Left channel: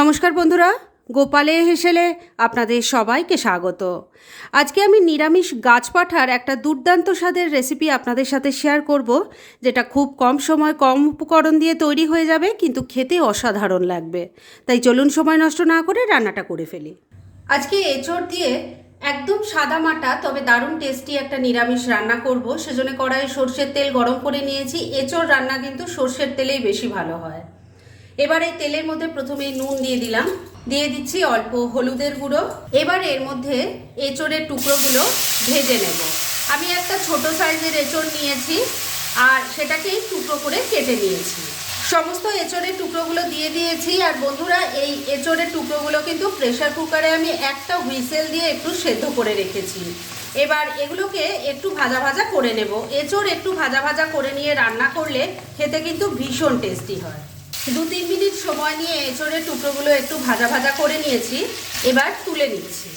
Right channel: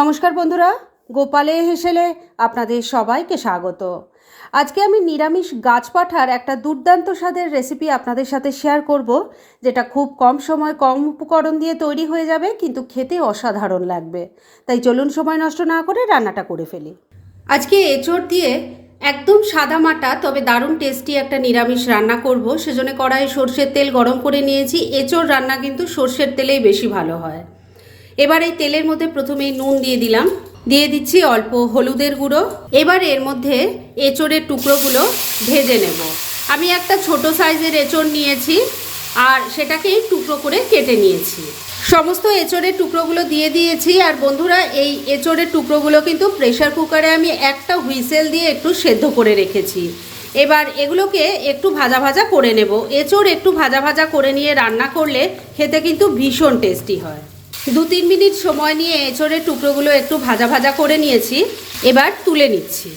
নমস্কার বন্ধুরা, গোপালে হেসেলে আপনাদের সবাইকে স্বাগত। আজকে আমি নিরামিষ গাছপাঠার একটা দুর্দান্ত স্বাদের রেসিপি আপনাদের সাথে শেয়ার করব, যেটা খুব কম সময় কম উপকরণ দিয়ে তৈরি হয়ে যাবে, কিন্তু খেতে অসাধারণ লাগবে। তাই চলুন সময় নষ্ট না করে রান্নাটা করে ফেলি। আজকে এঁচড় দিয়ে একদম সাদা মাটা, তবে দারুণ টেস্টি একটা নিরামিষ রান্না করব। সেজন্য কড়াইয়ে সর্ষের তেল গরম করে নিয়েছি। এঁচড় রান্না কিন্তু সর্ষের তেলেই বেশি ভালো হয়। এবার এই তেলের মধ্যে প্রথমে নুন দিয়ে দিলাম। দিয়ে দিচ্ছি অল্প হলুদের গুঁড়ো। এবার এর মধ্যে এঁচড়ের টুকরোগুলো ভেজে নেব। আমি একটা ছোট সাইজের এঁচড় নিয়েছি আর সেটাকে টুকরো করে কেটে নিয়েছি। সমস্ত এঁচড়ের টুকরোগুলো দিয়ে দিয়েছি আর বন্ধুরা, এই এঁচড়ের টুকরোগুলো কিন্তু প্রেশার কুকারে আমি একটা হুইসেল দিয়ে একটু সেদ্ধ করে রেখেছি। এবার এগুলোকে একটু ভাজা ভাজা করে নেব। এঁচড় একটু ভাজা ভাজা করে নিয়ে রান্না করলে খেতে কিন্তু ভীষণ টেস্টি হয়। দু তিন মিনিট সময় নিয়ে এঁচড়ের টুকরোগুলো একটু ভাজা ভাজা করে নিয়েছি। এবার তুলে নিচ্ছি।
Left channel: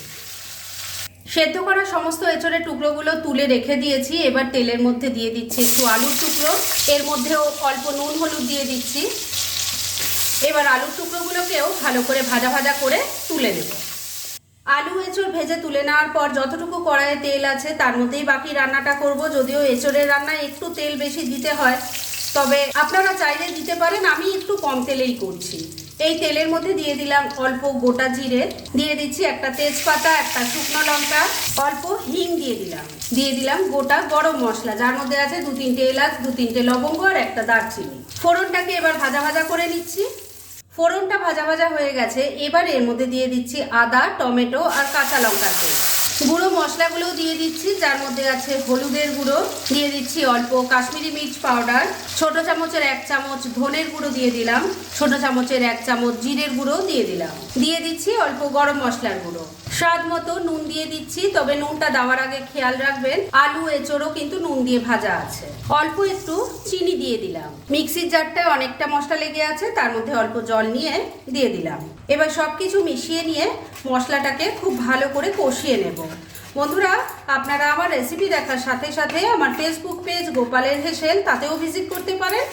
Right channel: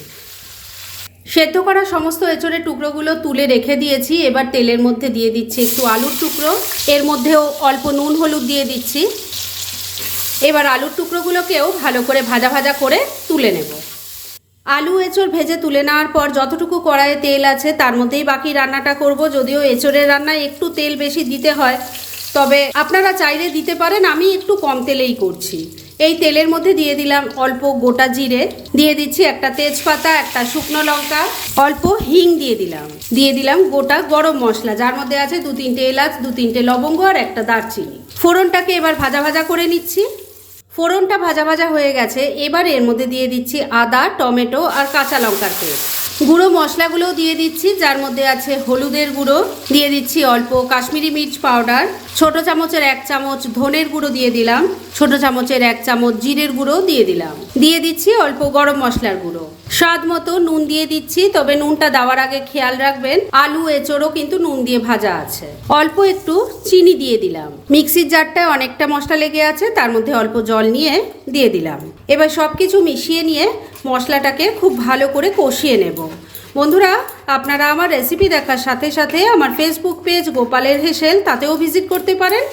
সেদ্ধ করা সমস্ত এঁচড়ের টুকরোগুলো তুলে রেখে দিয়েছি। এবার তেলের মধ্যে দিয়ে দিচ্ছি একটু আলুর টুকরো। এর মধ্যেও অল্প নুন, হলুদ দিয়ে দিচ্ছি। এবার আলুর টুকরোগুলোকেও ভালো করে ভাজা ভাজা করে তুলে নেব। আলু এঁচড় ভেজে তুলে নেওয়ার পর যতটুকু কড়াইয়ে তেল আছে, তার মধ্যেই বাকি রান্নাটা করব। যদিও এঁচড়ের রান্নায় একটু তেল বেশি দিতে হয় তবে আপনারা চাইলে দিতে পারেন, আমি একটু কম তেলেই করছি। এই তেলের মধ্যে দিয়ে দিলাম অল্প গোটা জিরে, দিয়ে দিচ্ছি একটা তেজপাতা, একটা শুকনো লঙ্কা, অল্প হিং দিয়ে দিলাম। দিয়ে দিলাম গোটা গরম মশলা, যার মধ্যে আছে দু তিনটে এলাচ, দু তিনটে লবঙ্গ আর একটা দারচিনি। ফোড়নটাকে এবার ভাজা ভাজা করে নিচ্ছি। ফোড়নটা ভাজা ভাজা হয়ে গেছে, এবার এর মধ্যে দিয়ে দিচ্ছি আদা, টমেটো আর কাঁচা লঙ্কার পেস্ট। গুঁড়ো মশলাগুলো দিয়ে দিচ্ছি, যার মধ্যে আছে হলুদের গুঁড়ো, দিয়ে দিচ্ছি অল্প কাশ্মীরি মির্চ পাউডার, ছোট চামচের এক চামচ ধনের গুঁড়ো দিয়ে দিলাম, ছোট চামচের এক চামচ জিরের গুঁড়ো দিয়ে দিলাম। দিয়ে দিচ্ছি অল্প গরম মশলার গুঁড়ো। স্বাদ মতো নুন দিয়ে দিচ্ছি, তবে নুনটা দেওয়ার আগে খেয়াল রাখবেন, আলু, এঁচড়ও কিন্তু নুন দিয়ে ভাজা আছে। অল্প একটু চিনি দিয়ে দিলাম। মিক্সির জারটায় অনেকটা মশলা লেগে আছে, তার মধ্যে অল্প জল নিয়ে দিয়ে দিলাম। এবার সব কিছু মিশিয়ে নিয়ে মশলাটাকে খুব ভালো করে কষিয়ে নেব। বন্ধুরা, আপনারা আমার রেসিপি দেখার সাথে সাথে আমার ফেসবুক পেজ গোপালের হেসেল, তাতেও ভিজিট করতে পারেন।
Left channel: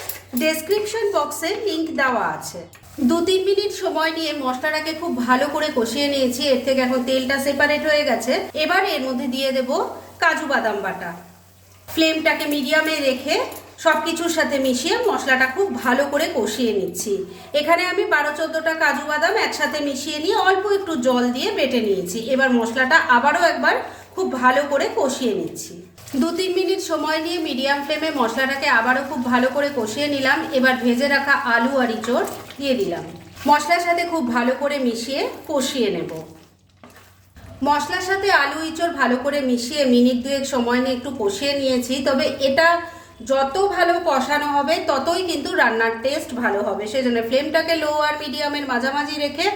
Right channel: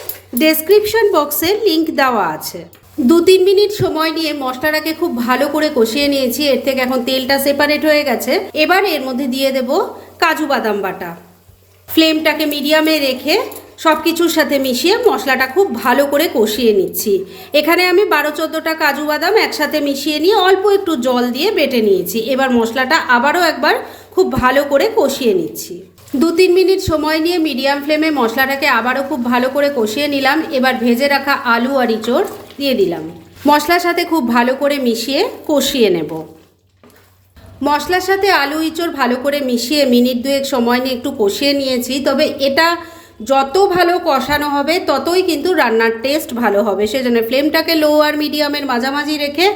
ডেসক্রিপশন বক্সে লিংক দেওয়া আছে। দু তিন মিনিট সময় নিয়ে মশলাটাকে খুব ভালো করে কষিয়ে নিয়েছি, এর থেকে এখন তেলটা সেপারেট হয়ে গেছে। এবার এর মধ্যে দিয়ে দেব কাজু বাদাম বাটা। ফ্লেমটাকে মিডিয়ামে রেখে সব কিছুর সাথে মিশিয়ে মশলাটা খুব ভালো করে কষিয়ে নিচ্ছি। এখানে আমি বারো চোদ্দোটা কাজু বাদাম একসাথে মিশিয়ে নিয়ে অল্প একটু জল দিয়ে বেটে নিয়েছি। এবার মশলাটা আবারও একবার খুব ভালো করে কষিয়ে নিচ্ছি। দু তিন মিনিট সময় নিয়ে মিডিয়াম ফ্লেমে মশলাটাকে আবারও খুব ভালো করে কষিয়ে নিলাম। এবার ভেজে রাখা আলু আর ইঁচড় দিয়ে দিলাম। মশলার সাথে খুব ভালো করে মিশিয়ে কষিয়ে নেব। মশলার সাথে আলু ইঁচড় ভালো করে মিশিয়ে মিনিট দুয়েক সময় নিয়ে একটু কষিয়ে নিয়েছি। তবে এটা যত ভালো কষানো হবে, ততই কিন্তু রান্নার টেস্ট ভালো হবে। সেজন্য ফ্লেমটাকে লো আর মিডিয়ামের মাঝামাঝি রেখে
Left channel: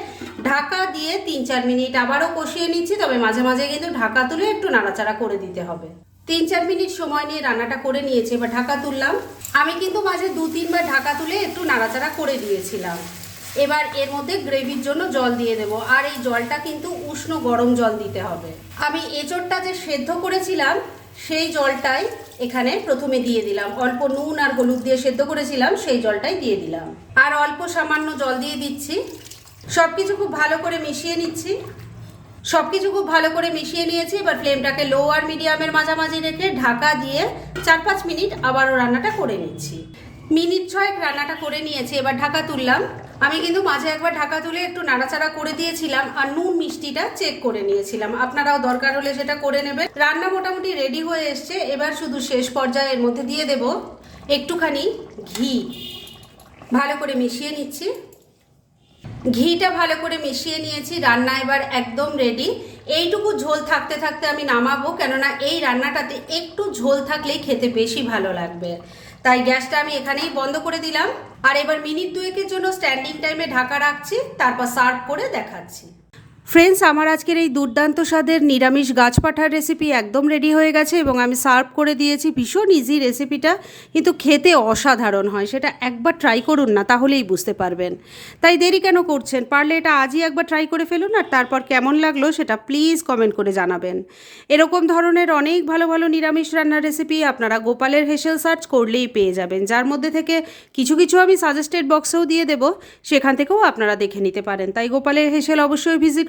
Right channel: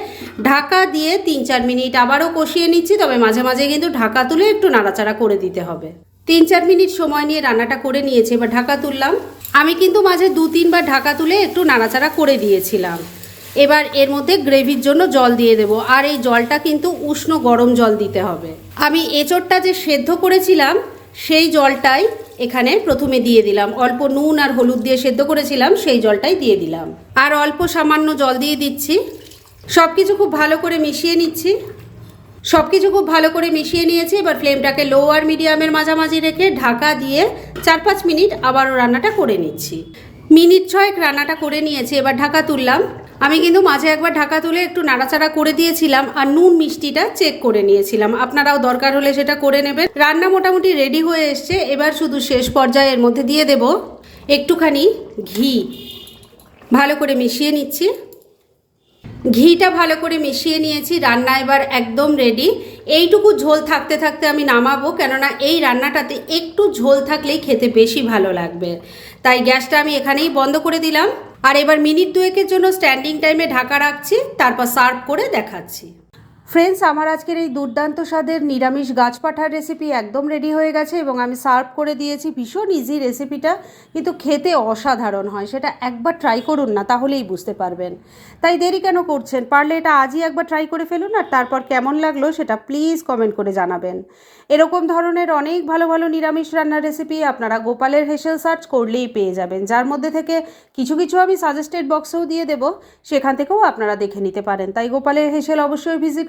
ঢাকা দিয়ে তিন চার মিনিট আবারও কষিয়ে নিচ্ছি, তবে মাঝে মাঝে কিন্তু ঢাকা তুলে একটু নাড়াচাড়া করে দিতে হবে। তিন চার মিনিট সময় নিয়ে রান্নাটা করে নিয়েছি, এবার ঢাকা তুললাম। আমি কিন্তু মাঝে দু তিনবার ঢাকা তুলে একটু নাড়াচাড়া করে দিয়েছিলাম। এবার এর মধ্যে গ্রেভির জন্য জল দিয়ে দেব, আর এই জলটা কিন্তু উষ্ণ গরম জল দিতে হবে। আমি এঁচড়টা যে সেদ্ধ করেছিলাম সেই জলটাই এখানে প্রথমে দিয়ে দিলাম। অল্প নুন আর হলুদ দিয়ে সেদ্ধ করেছিলাম, সেই জলটাই দিয়ে দিলাম। আর অল্প সামান্য জল দিয়ে দিচ্ছি। সব কিছু খুব ভালো করে মিশিয়ে নিচ্ছি। সব কিছু খুব ভালো করে মিশিয়ে নিয়েছি। এবার ফ্লেমটাকে লো আর মিডিয়ামের মাঝামাঝি রেখে ঢাকা দিয়ে চার পাঁচ মিনিট আবারও রান্নাটা করে নিচ্ছি। মিনিট ছয়েক রান্নাটা করে নিয়েছি, এবার ঢাকা তুললাম। আমি কিন্তু মাঝে একবার ঢাকা তুলে একটু নাড়াচাড়া করে দিয়েছিলাম আর নুন মিষ্টিটা চেক করে নিয়েছিলাম। আপনারাও দরকার হলে সেটা করে নেবেন। রান্না মোটামুটি রেডি হয়ে এসছে। এবার শুধু শেষ পর্যায়ে এর মধ্যে দিয়ে দেব একটুখানি ঘি। ভালো করে মিশিয়ে নিচ্ছি। ঘিটা ভালো করে মিশিয়ে নিয়েছি। রান্না এবার একদম রেডি এইটুকু ঝোল থাকতে থাকতে আমি নামাবো, কেননা এই রান্নাটাতে একটু ঝোল থাকলেই খেতে বেশি ভালো লাগবে। তাই গ্যাসটা আমি এখানেই বন্ধ করে দিলাম। আর এবার মিনিট দুয়েকের জন্য স্ট্যান্ডিং টাইমে ঢাকা রাখছি, তারপর সার্ভ করে দেখাচ্ছি। ফ্রেন্ডস আমার আজকের এই দুর্দান্ত স্বাদের নিরামিষ গাছ পাঠার রেসিপি একদম রেডি হয়ে গেছে এবং আমি সার্ভ করে দিয়েছি ভীষণ ইজি রেসিপিটা কিন্তু খেতে অসাধারণ হয়, সেটা একবার ট্রাই করুন না, তাহলেই বুঝতে পারবেন। তাই দেরি কেন করছেন? পারলে এটা আজই একবার ট্রাই করে ফেলুন আর তারপর কেমন লাগল সেটা প্লিজ কমেন্ট করে জানাবেন। এরকম ধরনের অনেক ভালো ভালো নিরামিষ রান্নার রেসিপি আপনারা গোপালের হেসেল সার্চ করলেই পেয়ে যাবেন, যার মধ্যে থেকে কিছু কিছু আমি সাজেস্টেড বক্সেও দিয়ে দেবো, সেখান থেকেও আপনারা দেখে নিতে পারেন। তাই গোপালের হেসেল অবশ্যই ভিজিট